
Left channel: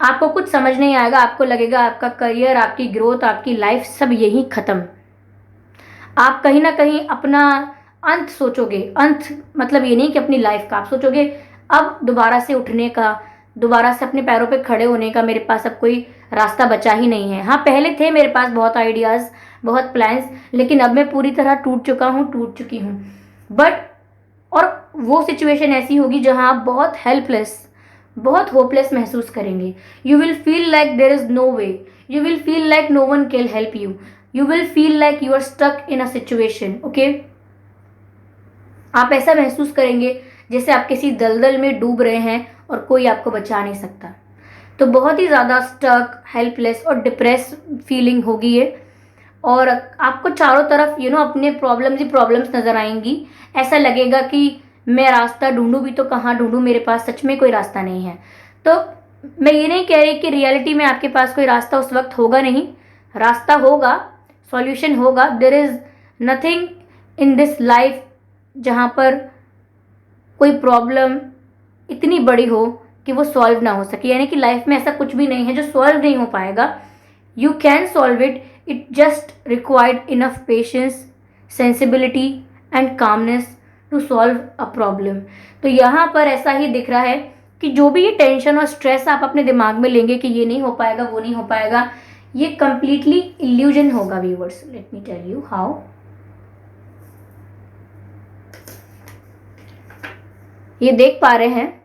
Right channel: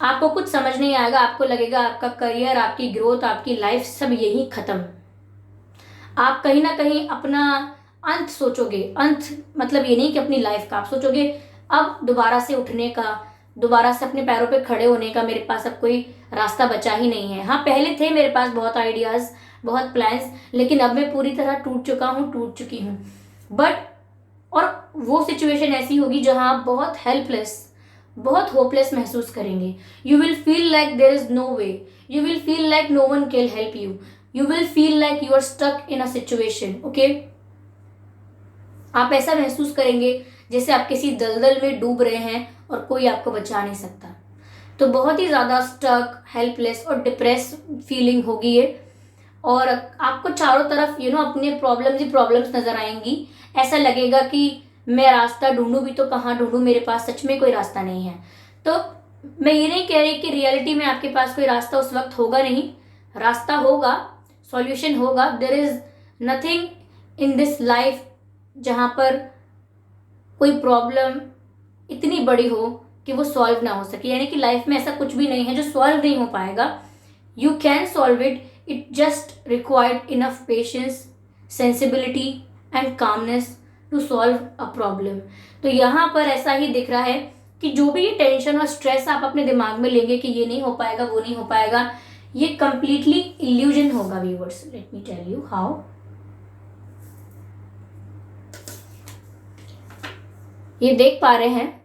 आपको कुछ समझ नहीं आएगा, आपको लगेगा आपका करियर, आपकी ग्रोथ, आपकी लाइफ सब यही खत्म। आप कहीं ना कहीं अपना अंत सोचोगे। अंत मतलब ये नहीं कि अपनी लाइफ का, आप सोचोगे अब दोबारा से उठने का, दोबारा से अपने पैरों पे खड़े होने का मेरे पास अब कोई रास्ता बचा ही नहीं है। हाँ, पहले थे मेरे पास बहुत आइडियाज़, बहुत प्लान्स, लेकिन अब मैं पूरी तरह टूट चुकी हूँ। बट और वो सिचुएशन ऐसी होगी जहां आप बहुत हेल्पलेस, बहुत होपलेस महसूस करेंगे। You will feel like there is no way, you will feel like no one can help you, you will feel like you are stuck in a situation. Okay, आप ऐसा महसूस करेंगे जैसे आप किसी दलदल में डूब रहे हैं और कोई आपको बचा नहीं सकता। तो बहुत ही ज़्यादा स्टक, हेल्पलेस और डिप्रेस फीलिंग होगी ये, और आपको चारों तरफ अपने प्रॉब्लम्स ही प्रॉब्लम्स नजर आएंगी। ऐसा लगेगा कि मैं रास्ता ढूंढूं भी तो कहाँ ढूंढूं, मेरे पास सच में कोई रास्ता नहीं है। तो मैं ये नहीं कह रही कि रियलिटी में आपके पास कोई रास्ता उस वक्त होगा नहीं, रास्ता होगा, सॉल्यूशन होगा। There is nothing in this life जहाँ पर कोई प्रॉब्लम इतनी बड़ी हो कि वो सॉल्व ना हो सके, यानी कि लाइफ में ऐसा कुछ भी नहीं है जो सॉल्व नहीं हो पाएगा। You can solve it, it just required enough patience, sensibility and calmness to solve a problem। तो यहाँ पर ऐसा ही दिख रहा है कि जो भी ये टेंशन और स्ट्रेस आप अपने दिमाग में लेंगे कि ये नहीं हो पाएगा, वो नहीं हो पाएगा, ये कंप्लीटली इल्यूजन होगा viewers. Let me tell you how. ये देख पा रहे हैं,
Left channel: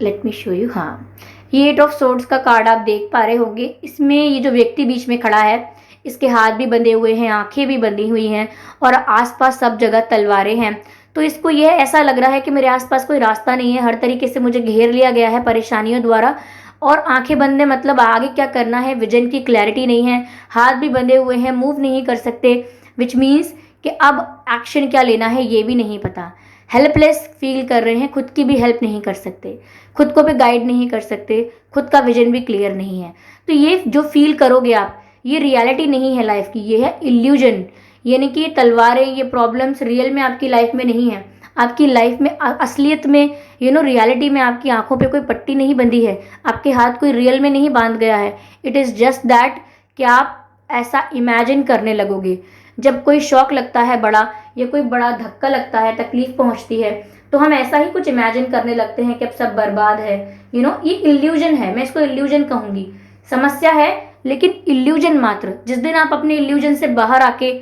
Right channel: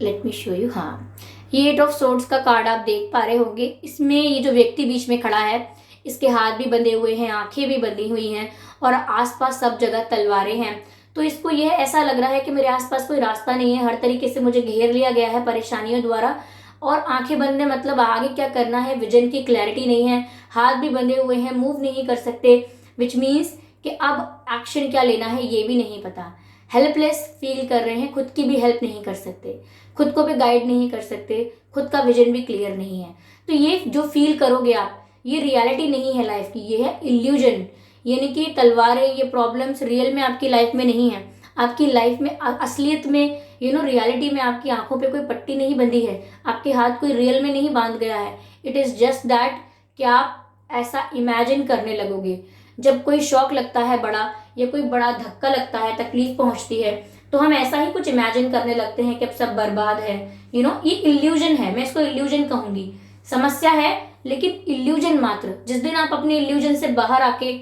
लेट मी शो यू। हाँ, ये 8 ऑफ सोर्ड्स का कार्ड आप देख पा रहे होंगे। इसमें ये जो व्यक्ति बीच में खड़ा है, इसके हाथ भी बंधे हुए हैं, आंखें भी बंधी हुई हैं और आसपास सब जगह तलवारें हैं। तो इसको यह ऐसा लग रहा है कि मेरे आसपास कोई रास्ता नहीं है, हर तरीके से मुझे घेर लिया गया है परेशानियों द्वारा। और आंखें बंद है मतलब आगे क्या करना है, विजन की क्लैरिटी नहीं है, हाथ भी बंधे हुए हैं, मूव नहीं कर सकते, विच मीन्स कि अब एक्शन क्या लेना है ये भी नहीं पता। हेल्पलेस फील कर रहे हैं, खुद की भी हेल्प नहीं कर सकते, खुद को भी गाइड नहीं कर सकते, खुद का विजन भी क्लियर नहीं है। तो ये जो फील करोगे आप, ये रियलिटी नहीं है लाइफ की, ये है इल्यूजन। यानी कि तलवारें, ये प्रॉब्लम्स रियल में आपकी लाइफ में नहीं है। आपकी लाइफ में असलियत में रियलिटी में आपकी आंखों पे कोई पट्टी नहीं बंधी है, आपके हाथ कोई रियल में नहीं बांध गया है। इट इज़ जस्ट दैट कि आप ऐसा इमेजिन करने लगोगे। जब कोई शौक लगता है बड़ा, या कोई बड़ा धक्का लगता है, तकलीफ पहुंचती है, तो हम ऐसा ही कुछ इमेजिन करने लगते हैं कि अब सब बर्बाद है। ये इल्यूजन है, मैं इसको इल्यूजन कहूंगी। समस्या है लेकिन इल्यूजन मात्र। जिस दिन आप अपने इल्यूजन से बाहर आके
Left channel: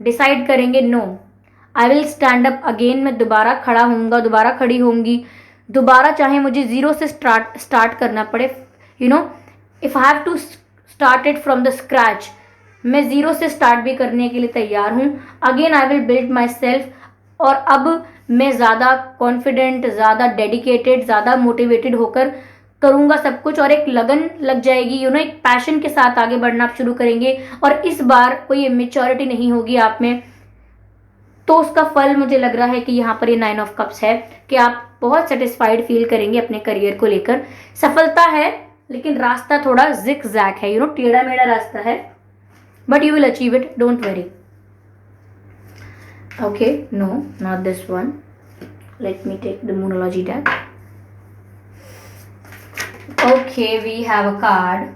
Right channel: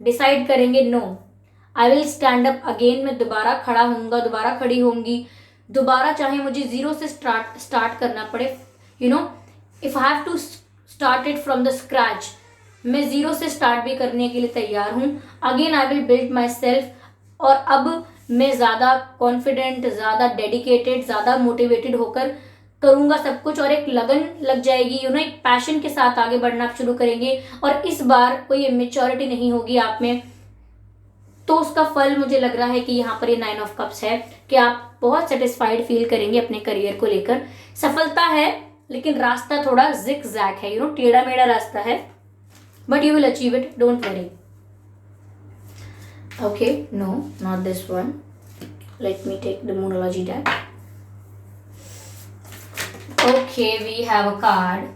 डिसाइड करेंगे, no I will stand up again, मैं दोबारा खड़ा होऊंगा, दोबारा खड़ी होंगी, दोबारा चाहे मुझे जीरो से स्टार्ट करना पड़े, if I have to start it from the scratch, मैं जीरो से स्टार्ट भी करने के लिए तैयार हूँ। Again I will build myself. और अब मैं ज़्यादा कॉन्फिडेंट, ज़्यादा डेडिकेटेड, ज़्यादा मोटिवेटेड होकर करूँगा सब कुछ, और एक लगन लग जाएगी, एक पैशन के साथ आगे बढ़ना आप शुरू करेंगे। और इस बार कोई इमेच्योरिटी नहीं होगी आप में। तो उसका फल मुझे लग रहा है कि यहाँ पर ये 9 ऑफ कप्स है कि आप बहुत सेटिस्फाइड फील करेंगे अपने करियर को लेकर। सफलता है लेकिन रास्ता थोड़ा जिग जैग है, टेढ़ा मेढ़ा रास्ता है, but you will achieve it, don't worry. Okay, no, not this one. Let me take the Moonology deck. Okay, we have a card.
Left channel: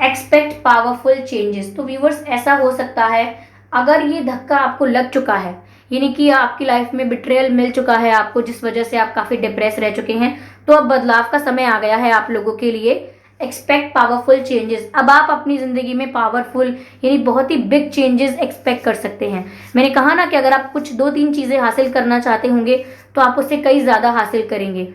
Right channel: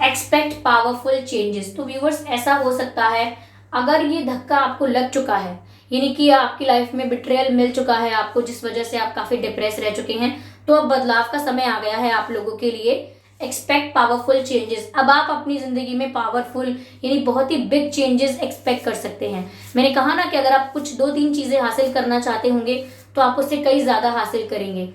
Expect powerful changes. तो viewers, ऐसा हो सकता है अगर ये धक्का आपको लग चुका है, यानी कि आपकी लाइफ में बिट्रेयल मिल चुका है आपको, जिस वजह से आप काफी डिप्रेस रह चुके हैं, तो अब बदलाव का समय आ गया है आप लोगों के लिए। Expect powerful changes. अब आप अपनी जिंदगी में पावरफुल यानी बहुत ही बिग चेंजेस एक्सपेक्ट कर सकते हैं। मैंने कहा ना कि अगर आप कुछ 2-3 चीजें हासिल करना चाहते होंगे तो आप उससे कई ज्यादा हासिल करेंगे,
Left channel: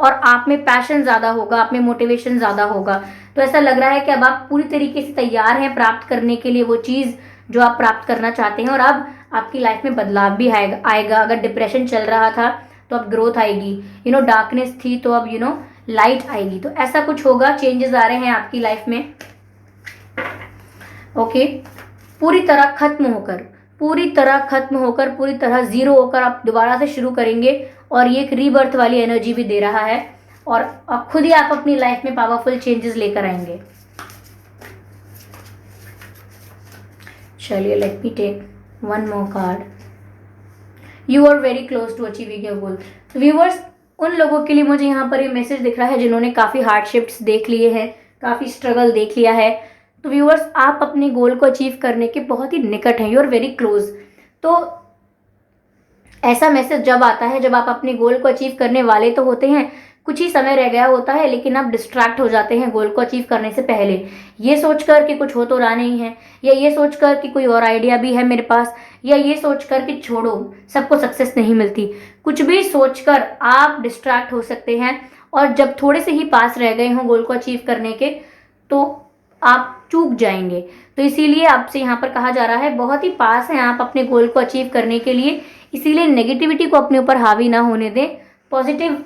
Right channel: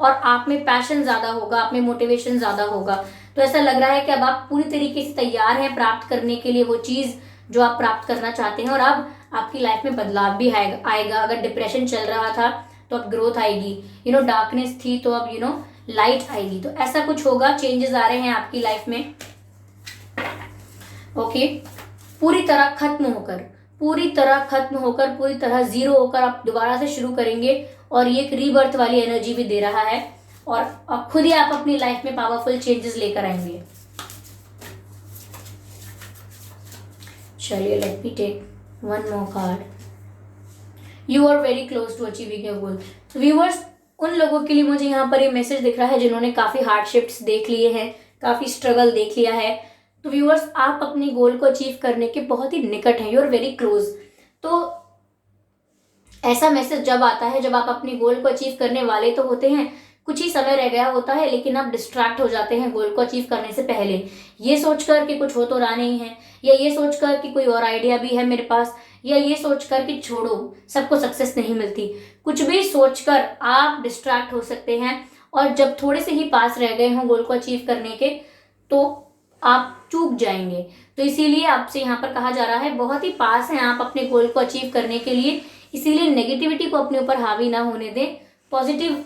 और आप में पैशन ज्यादा होगा, आप में मोटिवेशन ज्यादा होगा। तो ऐसा लग रहा है कि अब आप पूरी तरीके से तैयार हैं प्राप्त करने के लिए वो चीज जो आप प्राप्त करना चाहते हैं, और अब आपकी लाइफ में बदलाव भी आएगा। अगर डिप्रेशन चल रहा था तो अब ग्रोथ आएगी, डार्कनेस थी तो अब लाइट आएगी। तो ऐसा कुछ होगा, चेंजेस आ रहे हैं आपकी लाइफ में। ओके, पूरी तरह खत्म होकर, पूरी तरह जीरो होकर आप दोबारा से शुरू करेंगे, और ये एक रीबर्थ वाली एनर्जी भी दे रहा है, और खुद ही आप अपनी लाइफ में पावरफुल चेंजेस लेकर आएंगे। चलिए, let me take one more card. You are very close to achieving your goal. Viewers, उन लोगों के लिए मुझे यहाँ पर ये मैसेज दिख रहा है जिन्होंने काफ़ी हार्डशिप्स देख लिए हैं, काफ़ी स्ट्रगल देख लिया है। तो व्यूअर्स, आप अपने गोल को अचीव करने के बहुत ही निकट हैं, यू आर वेरी क्लोज। तो ऐसा मैसेज जब आता है जब आप अपने गोल को अचीव करने वाले तो होते हैं, कुछ ही समय रह गया होता है, लेकिन आप डिस्ट्रैक्ट हो जाते हैं गोल को अचीव करने से पहले, ये सोचकर कि कुछ हो तो रहा नहीं है, या ये सोचकर कि कोई और आइडिया भी है मेरे पास, या ये सोचकर कि छोड़ो सबको सक्सेस नहीं मिलती। कुछ भी सोचकर आप डिस्ट्रैक्ट हो सकते हैं, और जब थोड़े से ही पास रह गए हों गोल को अचीव करने के, तो आप चूक जाएंगे। तो इसीलिए आपसे यहाँ पर कहा जा रहा है बहुत ही पास हैं आप अपने गोल को अचीव करने के लिए, इसीलिए नेगेटिविटी को अपने ऊपर हावी ना होने दें। पॉजिटिव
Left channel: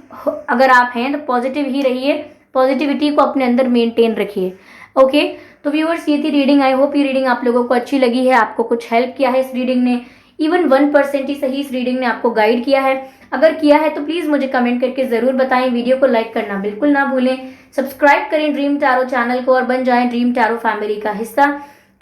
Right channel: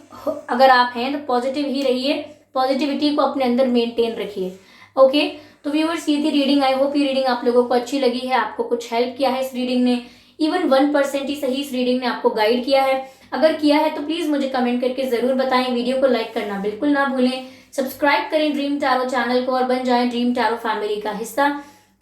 अगर आप हैं तो पॉजिटिव ही रहिए, पॉजिटिविटी को अपने अंदर मेंटेन रखिए। ओके, तो व्यूअर्स, ये थी रीडिंग। आई होप ये रीडिंग आप लोगों को अच्छी लगी है, आपको कुछ हेल्प किया है इस रीडिंग ने, इवन 1% ही सही इस रीडिंग ने आपको गाइड किया है। अगर किया है तो प्लीज मुझे कमेंट करके जरूर बताएं। वीडियो को लाइक करना बिल्कुल ना भूलें, सब्सक्राइब करें ड्रीम टैरो चैनल को और बन जाएं ड्रीम टैरो फैमिली का हिस्सा,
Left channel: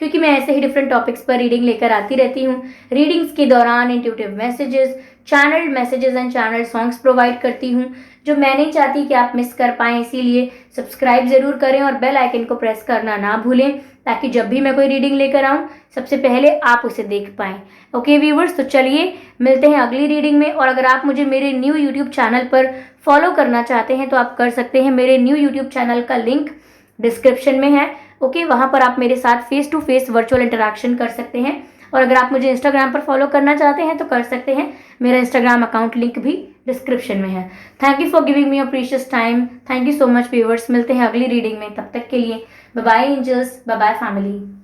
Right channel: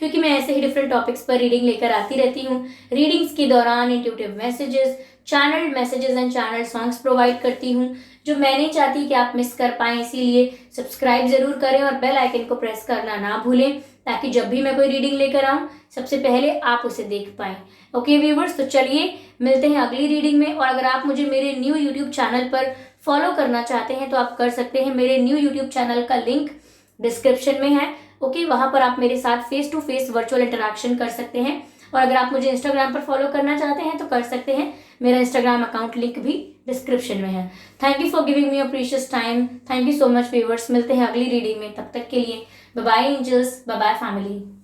क्योंकि मैं ऐसे ही डिफरेंट टॉपिक्स पर रीडिंग लेकर आती रहती हूँ। रीडिंग्स के दौरान intuitive messages, channel messages and channel songs provide करती हूँ, जो मैं नहीं चाहती कि आप मिस कर पाएं। इसीलिए सब्सक्राइब जरूर करें और बेल आइकन को प्रेस करना ना भूलें, ताकि जब भी मैं कोई रीडिंग लेकर आऊँ सबसे पहले आप उसे देख पाएं। ओके व्यूवर्स, तो चलिए मिलते हैं अगली रीडिंग में। और अगर आप मुझे मेरे न्यू यूट्यूब चैनल पर फॉलो करना चाहते हैं तो आप कर सकते हैं। मेरे न्यू यूट्यूब चैनल का लिंक डिस्क्रिप्शन में है। ओके, वहां पर आप मेरे साथ face to face virtual interaction कर सकते हैं। और अगर आप मुझे इंस्टाग्राम पर फॉलो करना चाहते हैं तो कर सकते हैं, मेरा इंस्टाग्राम अकाउंट लिंक भी डिस्क्रिप्शन में है। Thank you for giving me your precious time. Thank you so much viewers. मिलते हैं अगली रीडिंग में, तब तक के लिए bye bye angels, bye bye family.